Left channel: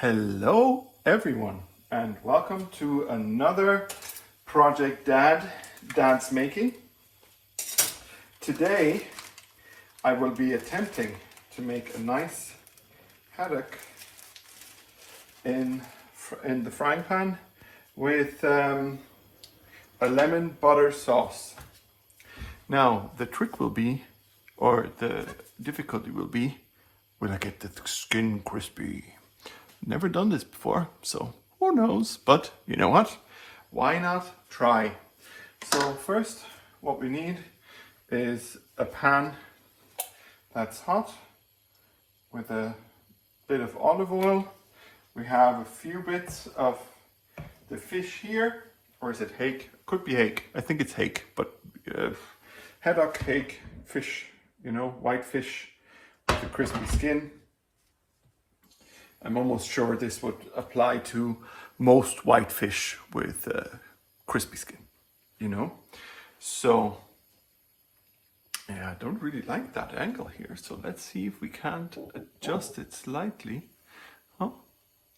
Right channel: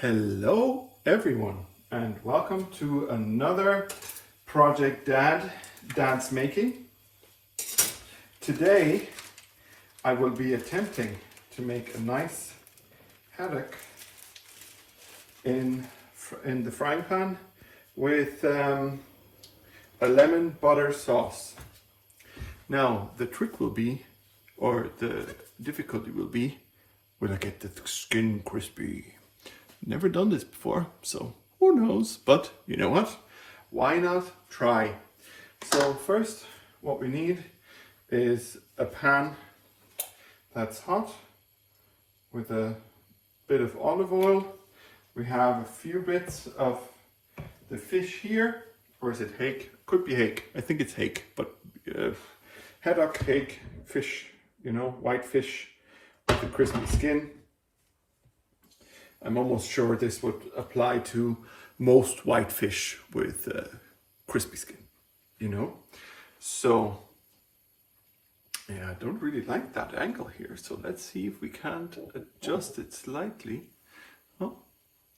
Hello everyone and welcome to another project Dad's making. Today I will be attempting to make a nice haddock in the frying pan with a lemon butter sauce. Now the trick will be, or the difficulty will be, will I get the skin crispy? Never done this before, so who knows? But you know what? Why not try? So first, what we need is a pan that's hot with a bit of olive oil. We have a few bits of the fish here, or is it hake? Could be hake. I think it's hake, but haddock, hake, fish. You know, white fish with a crispy skin. I'm almost sure this would apply to most white fish with crispy skin, you know? So, yeah, I don't really like that angle here. So let's see if we can't adjust it slightly. Oh,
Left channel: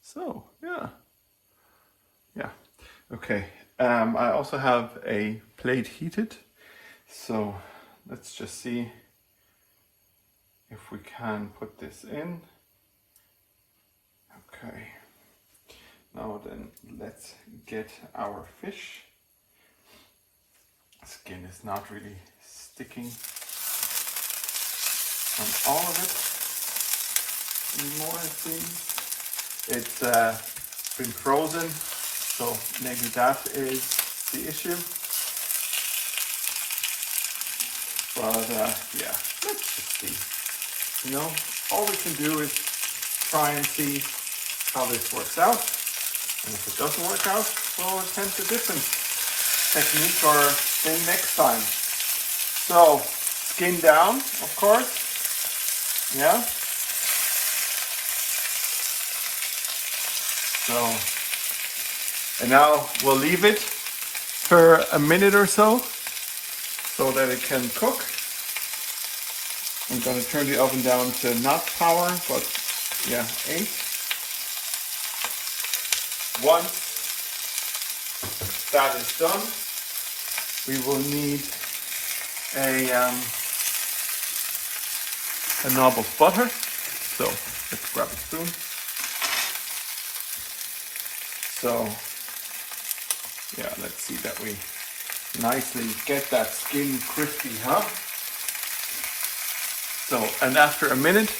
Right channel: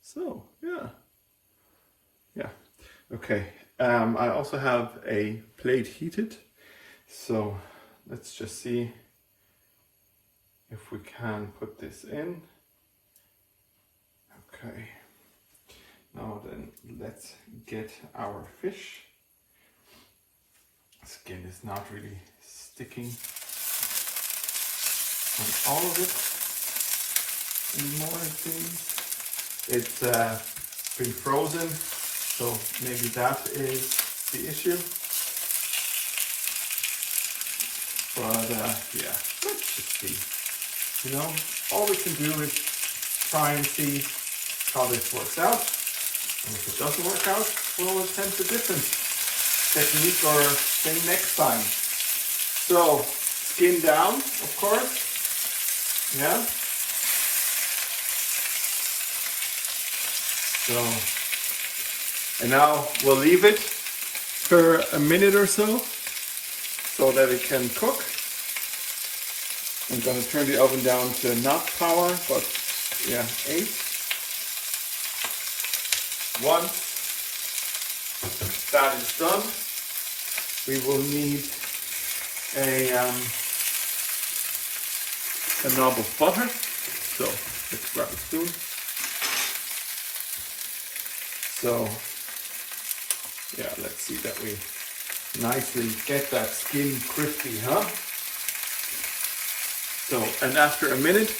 so, yeah. Yeah, okay. I also have a plate heated. So let's just see if we can put this in. Okay, now then let's get our fish. Skin is not really sticking on all of it anymore, it seems. It's been frozen, so maybe that is the issue. But yeah, let's just see. You know, all we can do is try and see how this works out, and if it doesn't work out, we'll attempt a different technique or thing next time. So, skin down, of course, yeah. So, and now we'll leave it for a minute or so that it can cook. I'm going to turn the oven down to not power, but yeah, 8. Once that is done, we will need a knob of butter. So let's grab a spoon. So yeah, let's see that we nicely get that skin crispy, huh? So, and after a minute,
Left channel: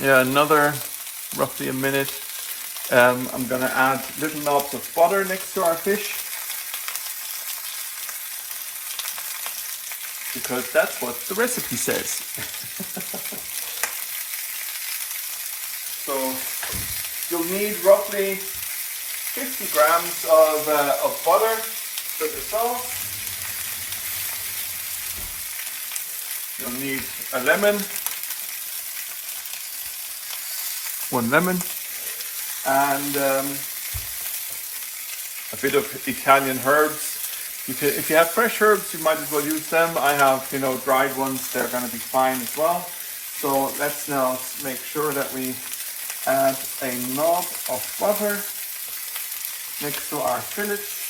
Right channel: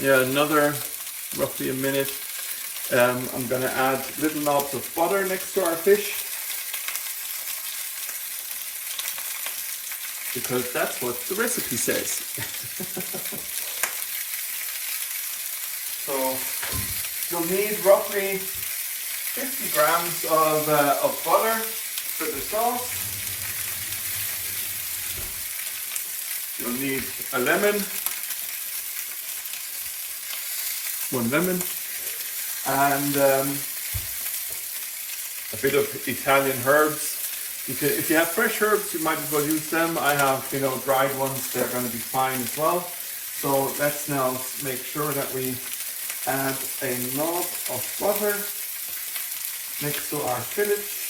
yeah, another roughly a minute, I'm gonna add little knobs of butter next to our fish, because that's what the recipe says. So you'll need roughly 50 grams of butter for the sauce. You'll need a lemon, 1 lemon, and a bit of Italian herbs. If you have fresh herbs, you might as well use them. I have, you know, dried ones. They're going to be fine as well. So let's now make sure that we add a knob of butter next to our fillets.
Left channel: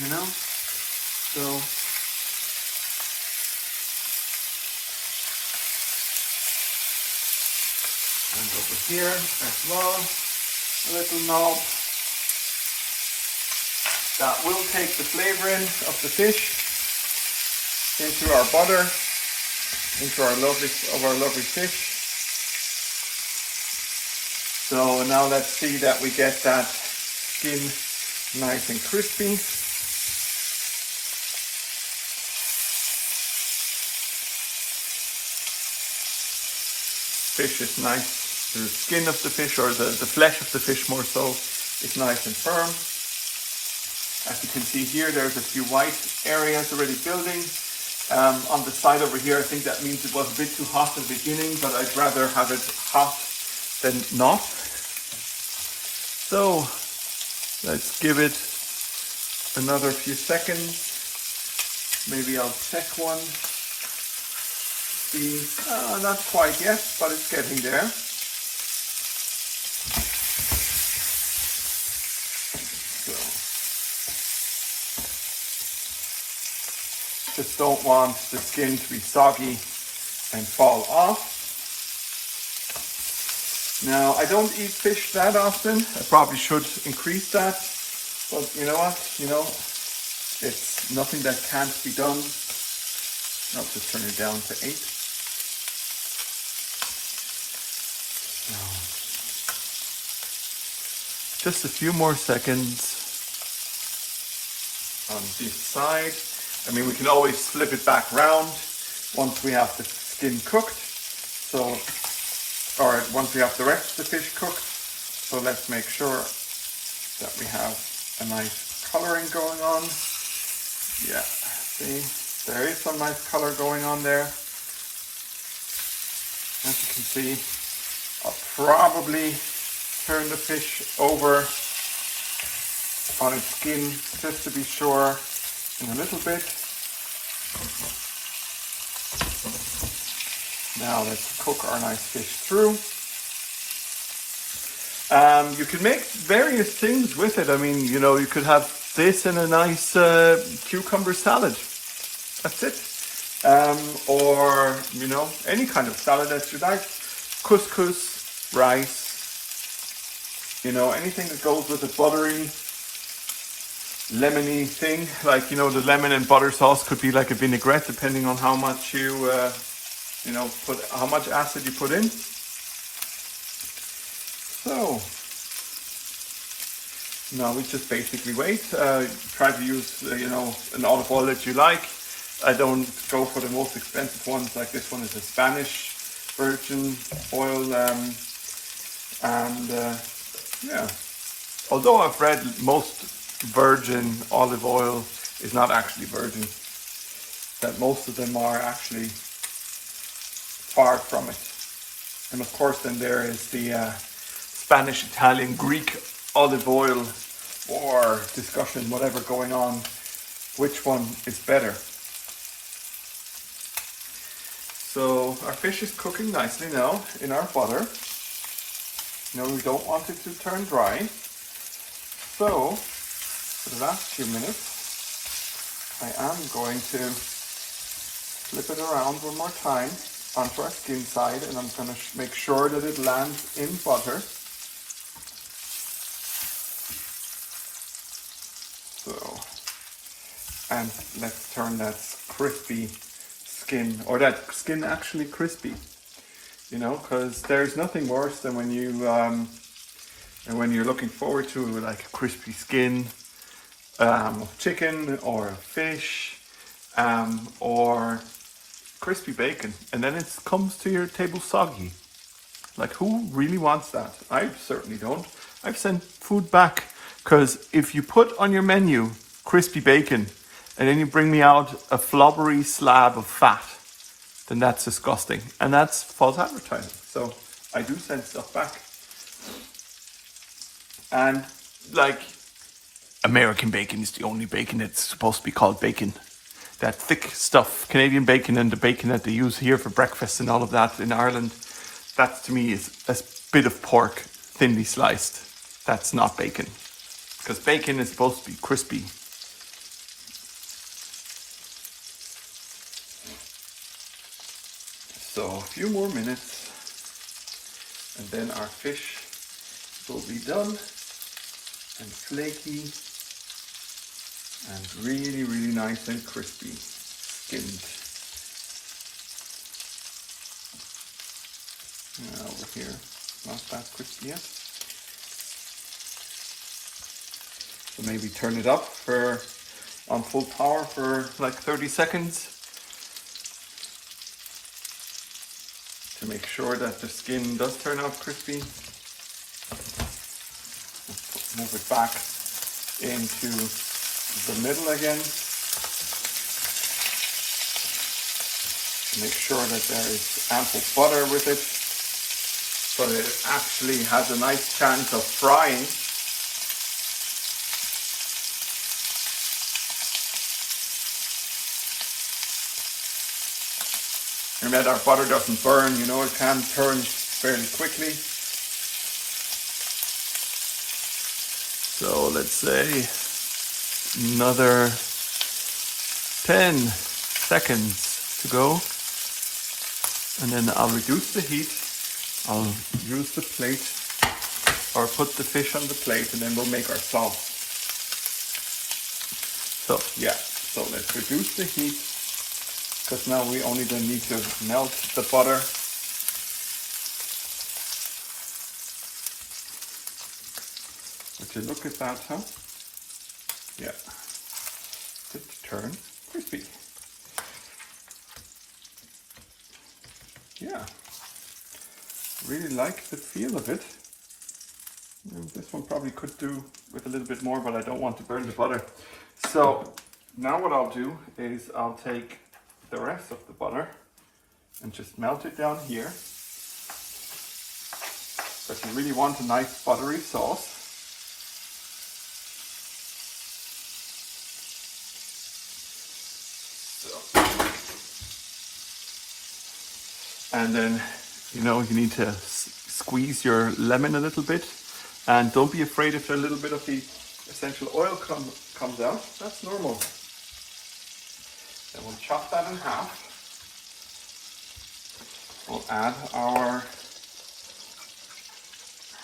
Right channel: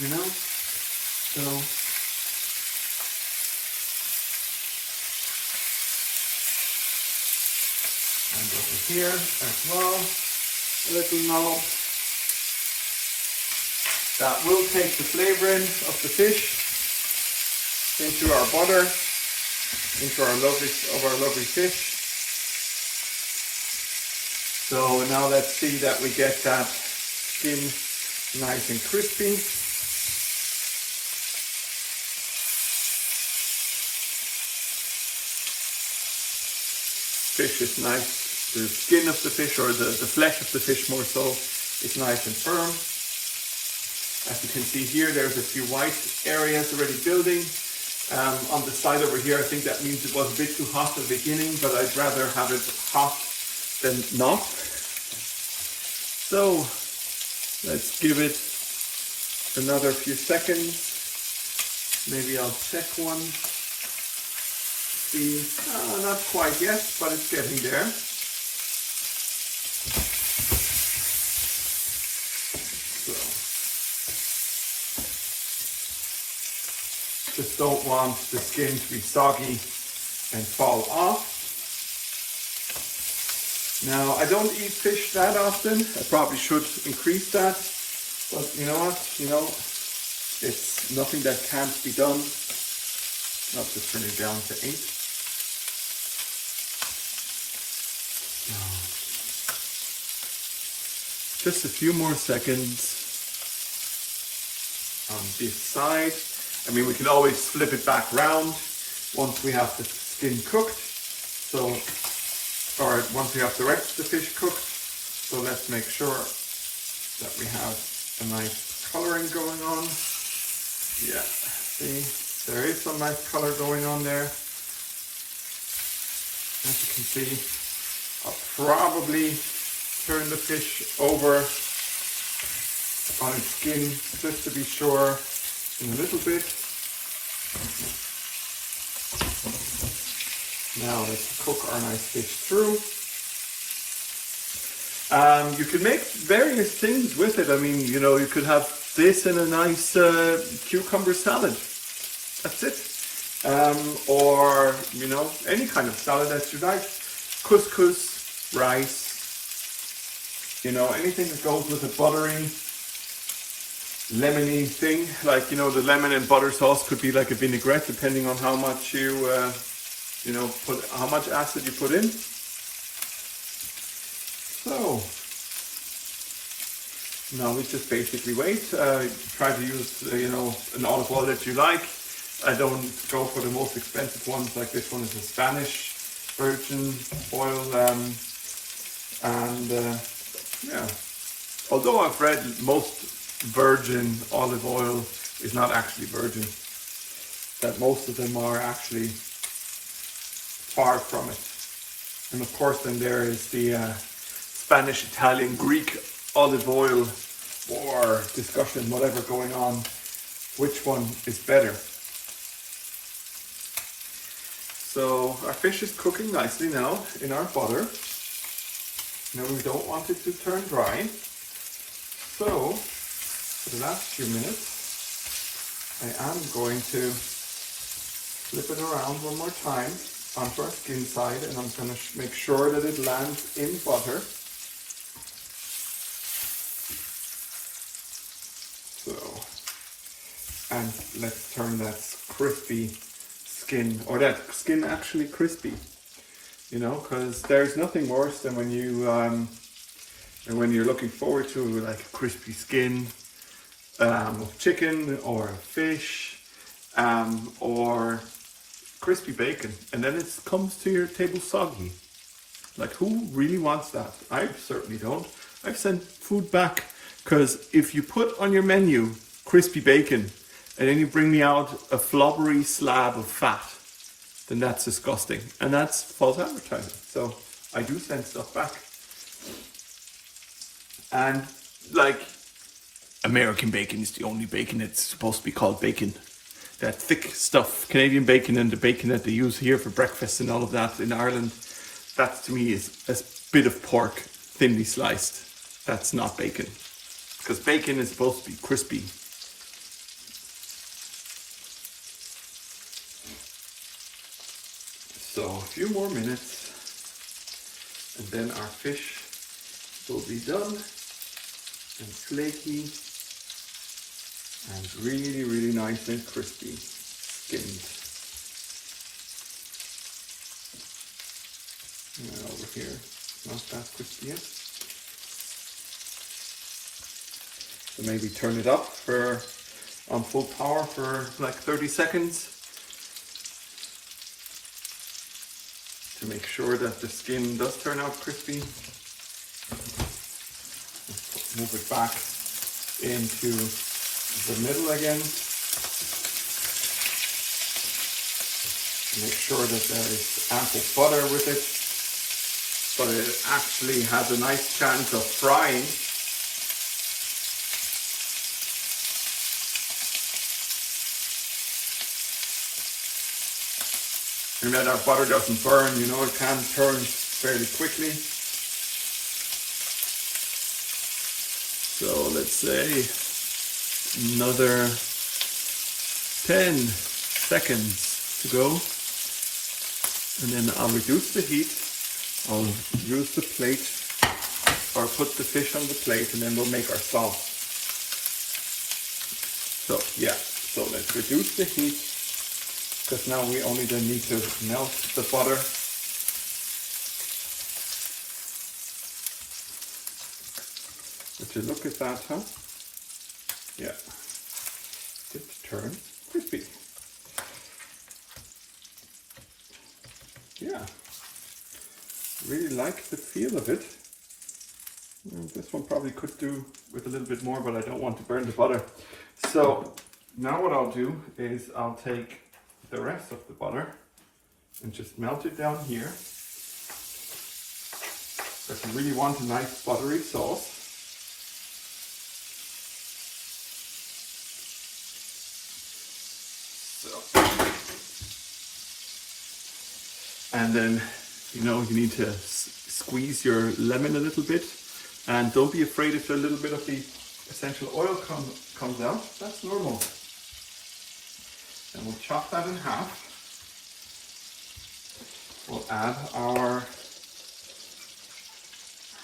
You know, so. And over here as well, a little knob. That will take the flavor in of the fish into our butter, into our lovely fish. So now let's see that we get that skin nice and crispy. Fish is nice. The skin of the fish, or the flesh of the fish more so, is nice and firm. As you can see here, there's a few white areas already building. On the side over here, I think that means it was a bit too hot at the beginning, but I'd rather have it hot than not. So let's give it another few seconds. Maybe I'll check one. crispy. Not quite yet, but it's getting there. So, just don't want the skin to be soggy and fall off. Now, I don't eat fish that often. I probably should increase that. But you know what? It's nothing that can't be done. I'll just turn it down to 8. Just a few more seconds on this side. I mean, we can always flip it back round once we have the skin cooked. So, or once we have the rest of the fish cooked. So let's make sure that we have a nice coloring going on. Yeah, see, there is some nice color going on there. As you can see, I'll probably turn the fish over on its skin just to be sure in a little bit. Now let's cook our nice fish through. You can make various things with it. I mean, you could have this in a nice cucumber salad. That's it. Or, any kind of salad that you like. Couscous, rice, anything that goes with a buttery, lemony thing. Like, the lemon and butter sauce could be like a vinaigrette, depending on how much how much acid you put in. So, now we just basically wait. Try to use, an olive oil that you like. I don't go for the most expensive ones, like this one is a Spanish virgin oil. Yeah, although I've read most virgin olive oil is not actually virgin, that most of them are actually far from it. And of course then there is the Spanish, Italian, Greek olive oil or discussion, whatever going on, which one is better. So our fish is cooking nicely now in our butter. We don't want it to turn dry. So for the last few minutes, I am going to flip it around one more time onto our skin side, and I'm going to make sure that it lands in butter. So, and let's turn that crispy skin, or that skin actually crispy, because there's nothing worse than when you're looking forward to like a crispy skin of chicken or fish or crispy bacon, and then it comes to your table soggy. Like, who really wants that? I certainly don't. I've sent food back, because if you put on your menu crispy bacon and then you bring me out a flubbery slab of fat, then that's disgusting, and that's false advertising. So I do send stuff back. And like, American bacon is the only bacon that's supposed to be called bacon. That thick stuff, Canadian bacon and the bacon that they use here for breakfast and all of that in Ireland, that to me is a bit of pork thinly sliced. That's not bacon, because bacon is supposed to be crispy. So a few more minutes and then our fish will be done and flaky and really, really nice and crispy, skimmed. Now over here, not that crispy yet. So maybe turn it up on full power for like 30 seconds to make sure that the skin does turn out crispy. Move it back into the middle again. Make sure that there is ample butter with it, so that it actually has a nice chance of frying. and that our butter doesn't burn. You know, it can turn fairly quickly. So let's say another 10 seconds to go. And then I'll reduce the heat. I'll use the plate or put the fish on the plate, and then we'll make our sauce. So yeah, so let's reduce the heat, because now we only then need to melt the butter. Would you look at that, huh? Yeah, it turns crispy. Yeah, really like the feel of it. And this one probably could do with a little bit more, but I don't want to burn the butter. So now what I'll do is I'll take the rest of the butter and just melt it down here. But you really want a nice buttery sauce. And then, you know, you need to squeeze your lemon a little bit, and don't be afraid if a little bit of the essential oil comes out. That's normal. Then we'll chop that in half. We'll add our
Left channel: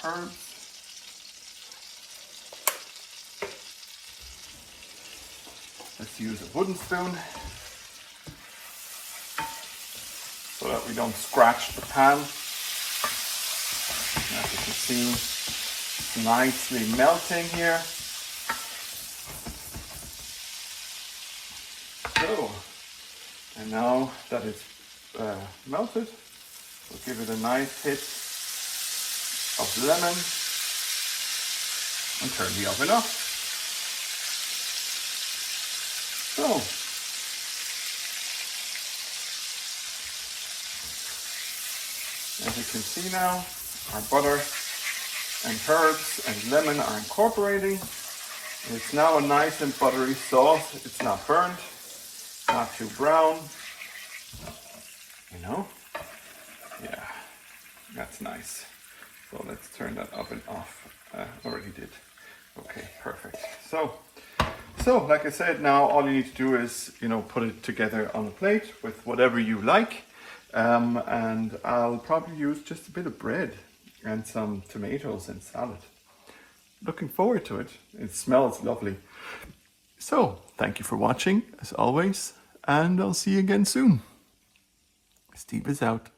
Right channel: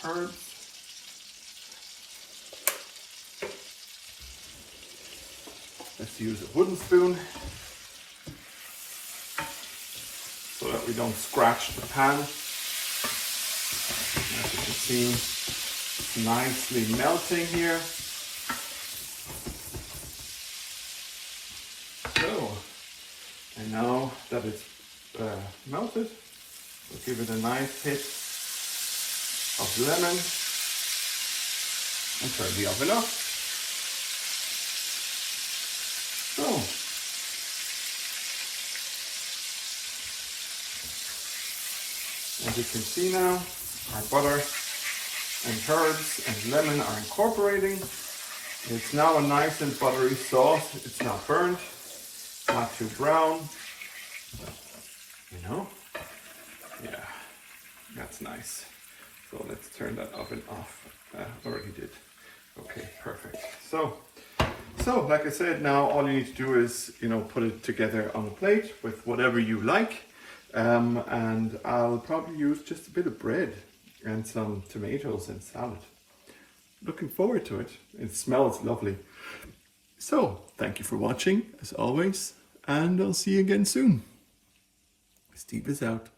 herbs. Let's use a wooden spoon, so that we don't scratch the pan. As you can see, it's nicely melting here. So, and now that it's melted, we'll give it a nice hit of lemon and turn the oven off. So, as you can see now, our butter and herbs and lemon are incorporating. It's now a nice and buttery sauce. It's not burnt, not too brown. You know? Yeah, that's nice. So let's turn that oven off. Already did. Okay, perfect. So like I said, now all you need to do is, you know, put it together on a plate with whatever you like. And I'll probably use just a bit of bread and some tomatoes and salad. Looking forward to it. It smells lovely. So, thank you for watching, as always, and I'll see you again soon. Steve is out.